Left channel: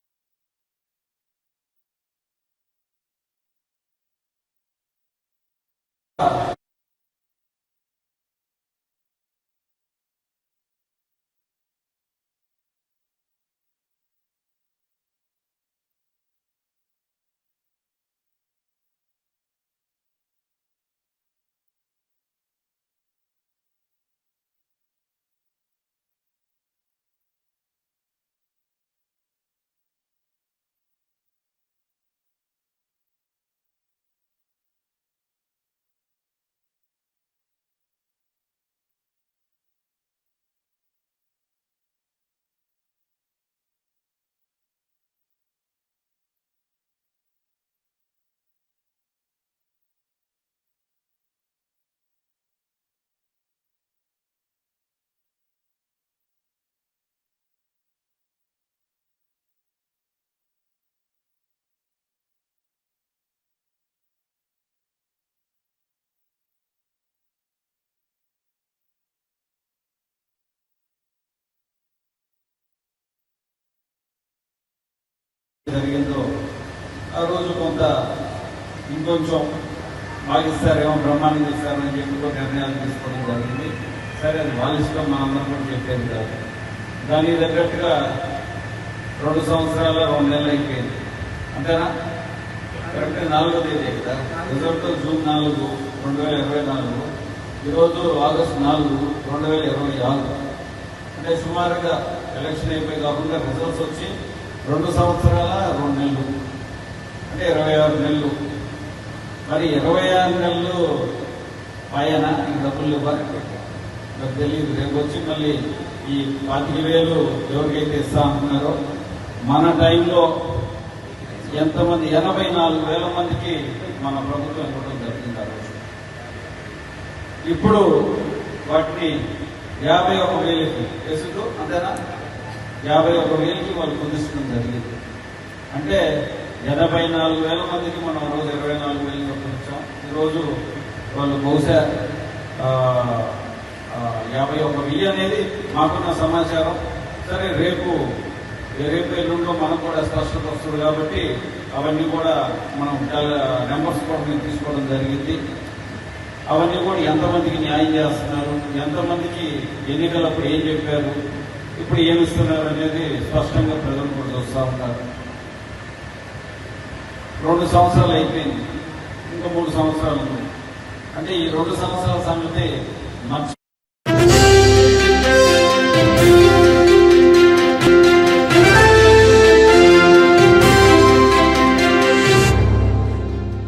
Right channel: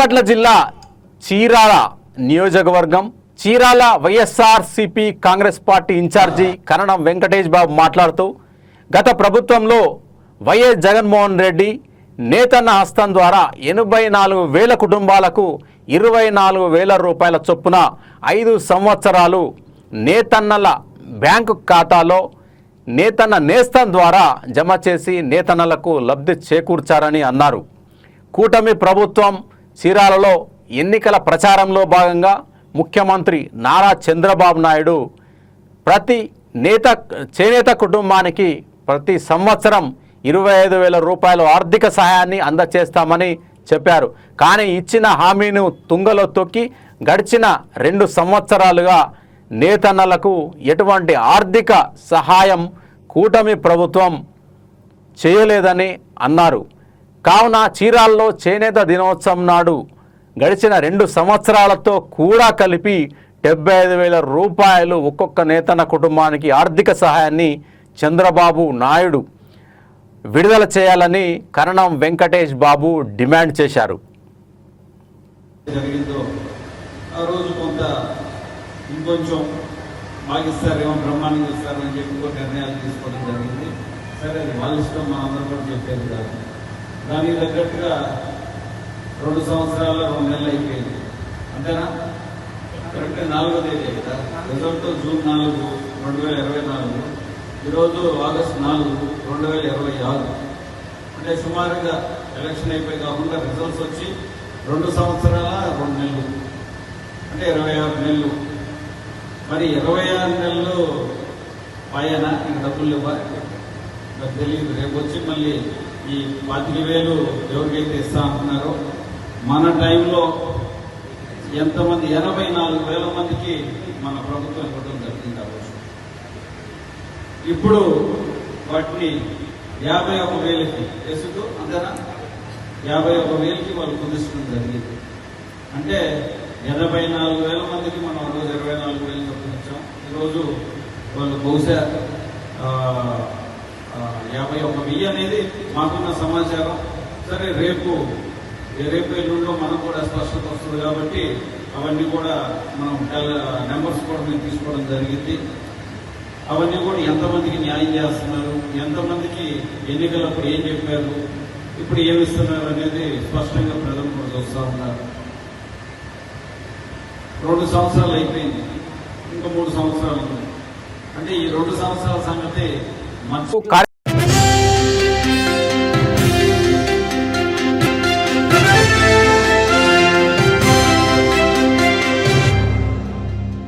బాపట్ల జిల్లా చీరాల నియోజకవర్గం Chirala YSRCP Congress party incharge కరణం వెంకటేష్ బాబు మాట్లాడుతూ గత ప్రభుత్వంలో వైఎస్ జగన్మోహన్ రెడ్డి నేతన్న హస్తం ద్వారా 84,000 కుటుంబాలకు 24,000 రూపాయల చొప్పున 5 సంవత్సరాలు నేతన్నల బ్యాంకు ఖాతాలో నేతన్న నేస్తం ద్వారా జమ చేసి నేతన్నలకు లబ్ధి చేకూర్చారని అన్నారు. కూటమి ప్రభుత్వం చీరాలలో ఎన్నికల ప్రచారంలో భాగంగా ముఖ్యమంత్రి నారా చంద్రబాబు నాయుడు ప్రతి చేనేత కుటుంబానికి ప్రతి సంవత్సరం 25,000 రూపాయల ఆర్థిక సహాయాన్ని అందజేస్తామని చెప్పారు. కానీ ఇచ్చిన హామీని తుంగలో తొక్కి గడిచిన 2 సంవత్సరాలుగా నేతన్నలకు ఎటువంటి ఆర్థిక సహాయం కూటమి ప్రభుత్వం చేయలేదని అన్నారు. కావున చీరాల్లో చేనేత దినోత్సవం నాడు గడిచిన 2 సంవత్సరాలతో కూడా కలిపి 75,000 రూపాయలు ఒక్కొక్క నేతన్న కుటుంబానికి ఆర్థిక సహాయాన్ని చంద్రబాబు నాయుడు విడుదల చేయాలని కరణం వెంకటేష్ బాబు డిమాండ్ చేశారు. ఇంకొంచెం భాగిస్తారేమో బ్రహ్మాండం ఇస్తారని చెప్పి నిర్ణయాలు తీసుకోవడం జరిగింది. సరే, అది వాళ్ళ ఇష్టం, మనందరం కూడా చెప్పేది కాదు. దానికి తగ్గట్టుగా 2 సంవత్సరాల 2 నెలలు అయిపోయింది అంతేనా? కరెక్ట్గా 4వ తేదీ కదా, రిజల్ట్ జూన్ 4, 2024, ఈరోజు ఆగస్టు 4, 2026. అంటే సుమారుగా ఎలక్షన్ అయిపోయి కాకుండా రిజల్ట్స్ వచ్చి 2 సంవత్సరాల 2 నెలలు, అంటే 26 నెలలు. మరి 26 నెలలు పైన ఈ డబ్బులు ఇవ్వాలి, నాకు తెలియదు. రేపు వచ్చి మళ్ళీ ఈ 25,000 ఎవరికైతే ఇస్తా అంటున్నారో, మన టైంలో ఎంతమంది 84,000 మందికి మన ప్రభుత్వం ఇవ్వడం జరుగుతుంది. ఇప్పుడు వాటిని 51,000కి వేసుకు, అంతేనా, 51,000కి వాళ్ళు కుదించడం జరిగింది. అంటే 84,000 మందికి మనం రోజు 24,000 కుదించాం. ఈరోజు వాళ్ళు బహుశా 51,000 అనేది మాకున్న సమాచారం. సరే, రేపు ఎల్లుండో మనకు కూడా స్పష్టత వస్తుంది కాబట్టి అవన్నీ కూడా మనం నెంబర్స్ కూడా మేము తీసుకోవడం జరిగింది. అవన్నీ కూడా ఎంతమందికి న్యాయం చేస్తున్నారు, ఎంతమందికి ఎన్నికలప్పుడు ఏం చెప్పారు, ఇప్పుడు ఏమి ఇస్తున్నారు అనేది స్పష్టంగా ప్రజలు కూడా చూస్తూ ఉన్నారు. 2 సంవత్సరాలు అయిపోయింది, ఇంకా 3 సంవత్సరాలు. అంటే ఈ 2 సంవత్సరాల సంగతి